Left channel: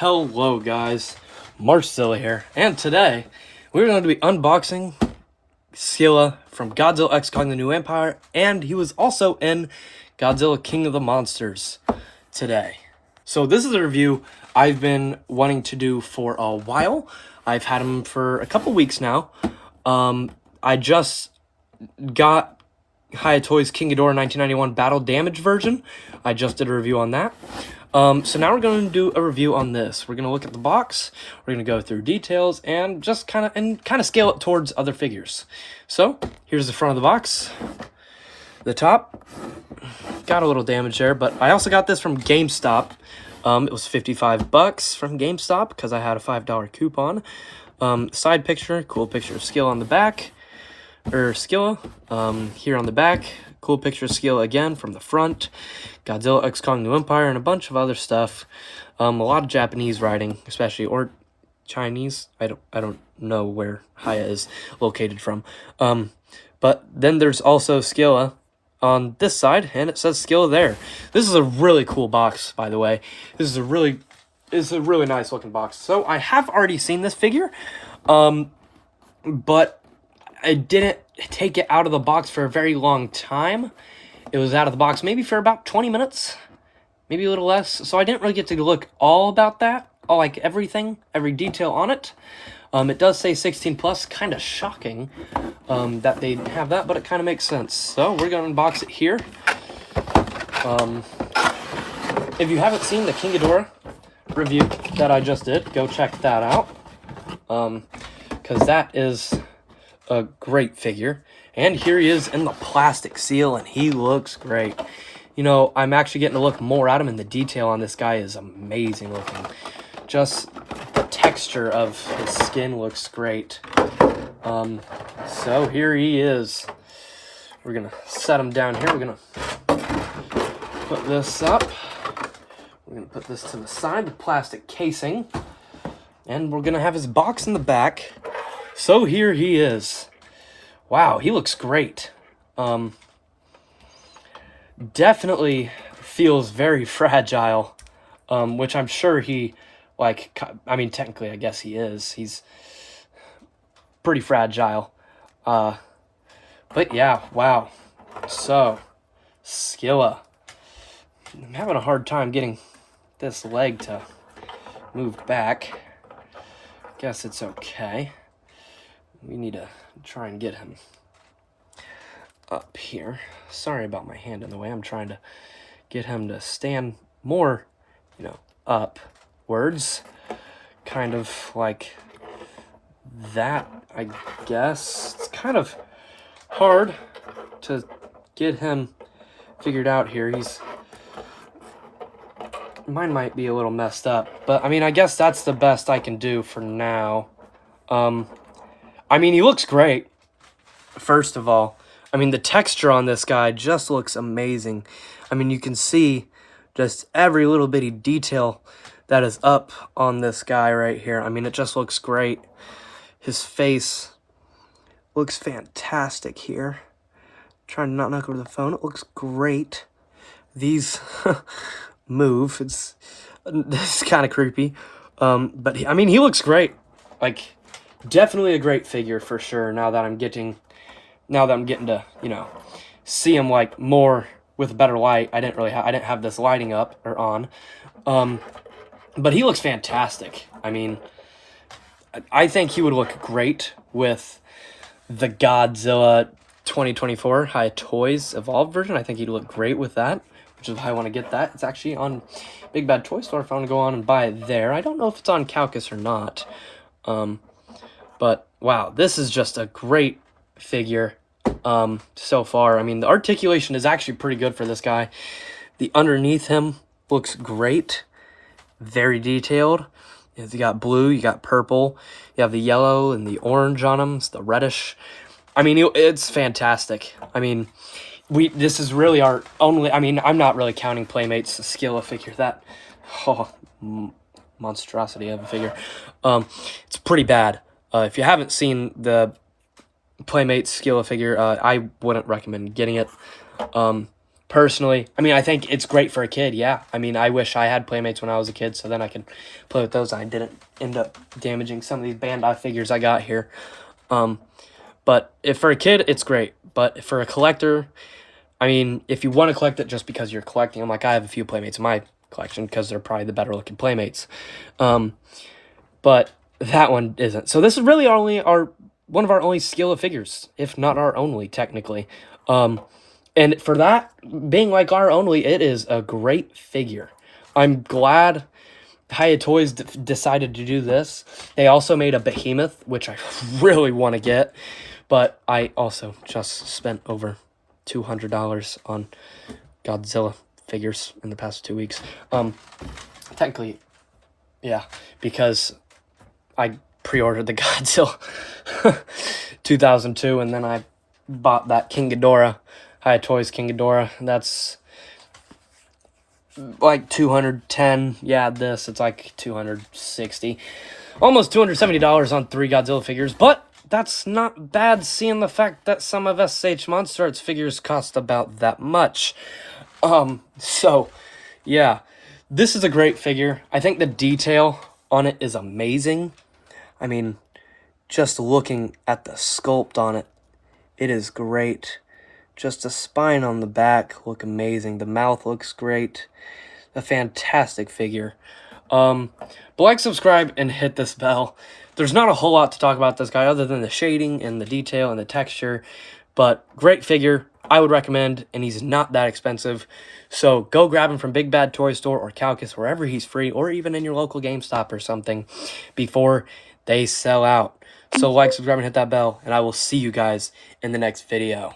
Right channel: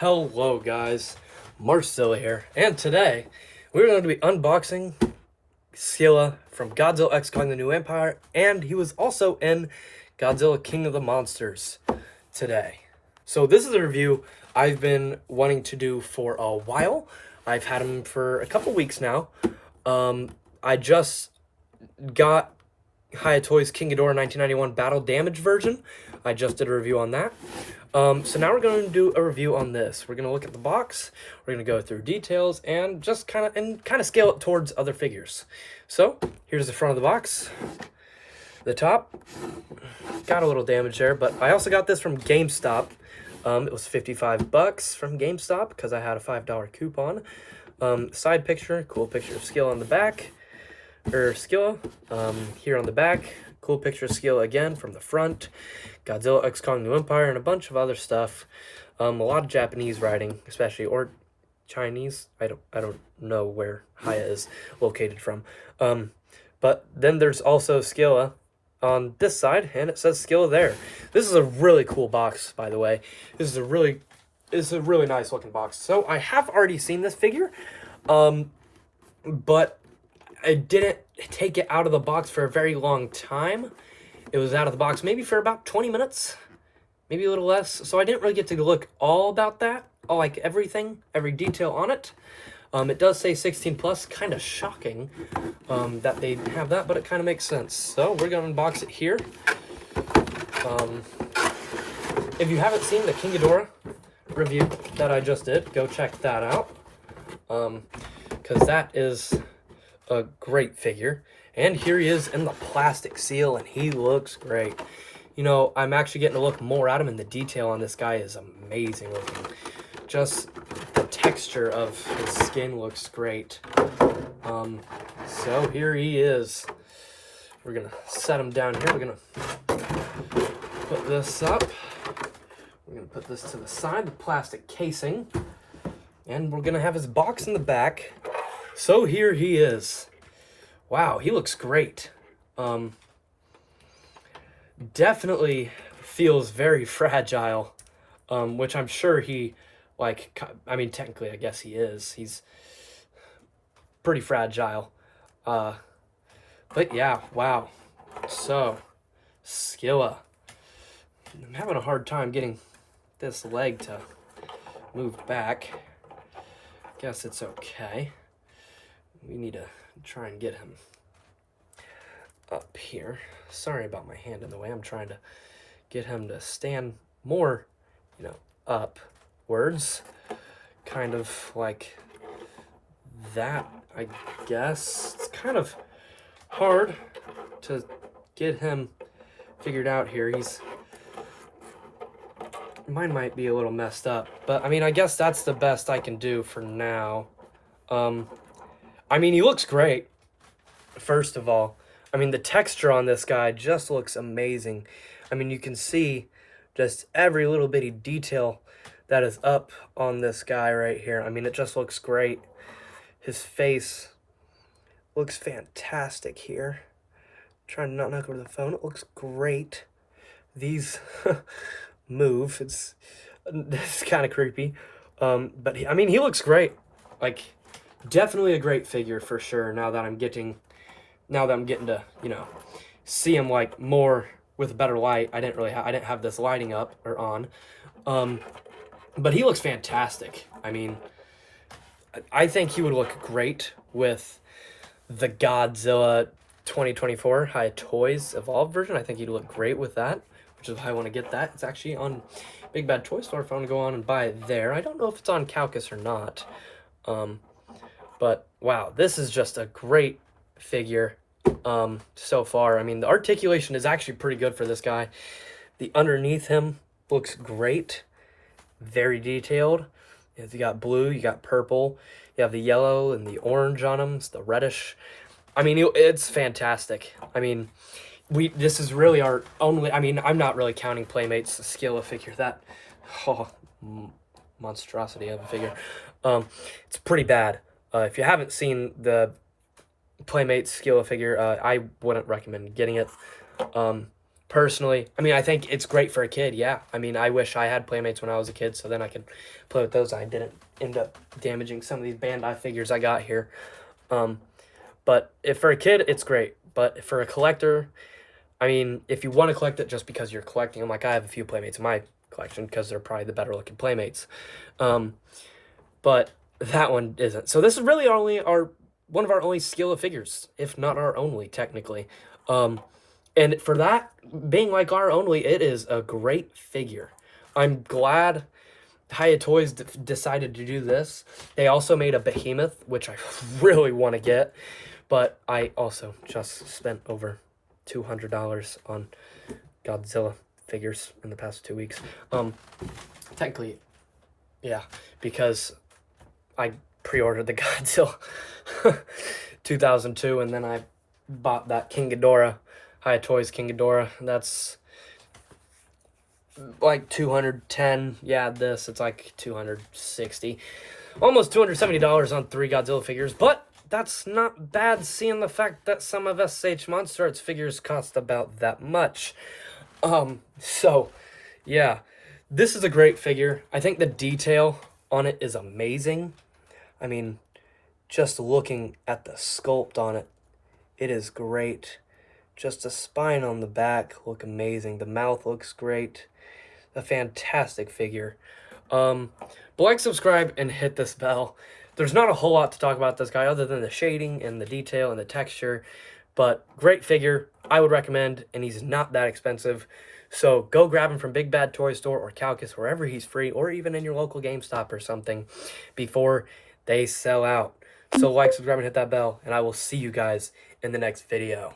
Hello guys, Scylla here, and today we're going to be unboxing Scylla from Godzilla X Kong: The New Empire, and he was also in Godzilla King of the Monsters today. So this is a review I've been wanting to do for a while. I've had him for a couple weeks now. I just got Hiya Toys King Ghidorah 1991 Battle Damage version. I just did a review on that. So now we're going to do a review on this. We're going to look at the box, we're going to go through details, and just kind of scale it towards other figures. So here's the front of the box. The top got a little damage there, but I also got this from GameStop. It was $55 from GameStop because I had a $5 coupon. Side picture, cool picture of Scylla on the back, or Scylla. Here on the back, cool picture of Scylla again from the front. Godzilla X Kong: New Empire, and a bunch of other stuff. A lot of Japanese writing, especially, or Chinese. I don't know where Hiya is located from. But then there's also Scylla on this side, and it says Scylla there. This is a really cool box, by the way. It's a really nice looking box. So I have already seen this figure, but I didn't take it out of the box for a very long time. It was out of the box maybe for about 20 minutes, maybe a little less. So I didn't really get to look all about that, like everything, every detail on it. It does say 16 plus, kind of shocking that they have that, but it kind of makes sense. So we're going to unbox it here. If you haven't seen the King Ghidorah review that I just did, go check that out, because that is a great figure. And here he is in the plastic seal, and he looks great. You know, I'm actually getting to look more at him, and the detail on this guy is amazing looking. Just the texture of his skin looks great. So here he is. We're gonna set him down here. We're gonna put this up. We're gonna put this to the side, the plastic casing, and we're gonna have his box in the back. So here he is. Wow, he looks great. Definitely feels very fragile, which I'm sure he, technically I guess he is. He's pretty fragile. But yeah, wow. So, Scylla. I'm having a hard time getting this leg to move back. Guess it's okay. We need to try and get him up here. Sorry about my hand in the way. I'm trying to get him to stand more, upwards. Kind of like that, I guess. It's kind of hard to get him figured out here. Mine might be a little messed up, but I guess that's the best I can do for now. He looks great, first of all. The texture on this guy just looks amazing. You can see just every little bitty detail that is up on this guy right here. It just looks great. His face looks fantastic here. Trying to not knock over the phone. It looks great. These move. It's kind of creepy. But he looks great. Definitely a great figure for sure. Now that I'm getting to, see him more with a better light. I didn't have this lighting up or on. But he looks fantastic. I think he would look great with the Godzilla 2024 Hiya Toys Evolved version. I think he'd look great with that, which is why I want to get that. It's actually on Big Bad Toy Store if I want to go on and buy it there. I don't know if it's on Calcus or not. But wow, this is just a great figure so far. The articulation is actually pretty good for this guy. The underneath him looks great, very detailed. You got blue, you got purple, you have the yellow and the orange on him. It's the reddish. It's fantastic. This is really our only. I'm not really counting Playmate's Scylla figure. That monstrosity of a figure. It's pretty bad. If you haven't seen the Playmate's Scylla figure, I wouldn't recommend getting it. personally, I mean, I think it's great for a kid, yeah. I mean, I wish I had Playmates when I was a kid, so then I could play with those. I didn't end up damaging some of these Bandai figures I got here. But if for a kid, it's great. But for a collector, I mean, if you want to collect it just because you're collecting them, like I have a few Playmates in my collection because they're probably the better looking Playmates. But that one isn't. So this is really one of our only Scylla figures, if not our only, technically. And for that being like our only, it is a great figure. I'm glad Hiya Toys decided to do this. They also made a Behemoth, which I really want to get, but I also just spent over $200 on Godzilla figures in the past 2 weeks. Technically, yeah, because I pre-ordered the Godzilla 2002, and then I bought that King Ghidorah, Hiya Toys King Ghidorah. That's like 210. Yeah, it's like 260. Almost $270 on 3 Godzilla figures, but that's not bad seeing the fact that some of SH Monster Arts figures cost about that much. So, yeah, this is a great figure. I think the detail on it is amazing. I mean, just looking at the sculpt on it, it is great. Just the spine on the back look amazing. The mouth looks great. A fantastic figure. But like, subscribe, and hit this bell. There's not a whole lot to talk about this guy other than the shading and the detail and the texture. But great figure. I would recommend, and he's not that expensive. So go grab him from Big Bad Toy Store or Calcus, wherever he's free, or even in your local GameStop or something, before they sell out. So like, subscribe, and hit that bell, and I will see you guys in the next video.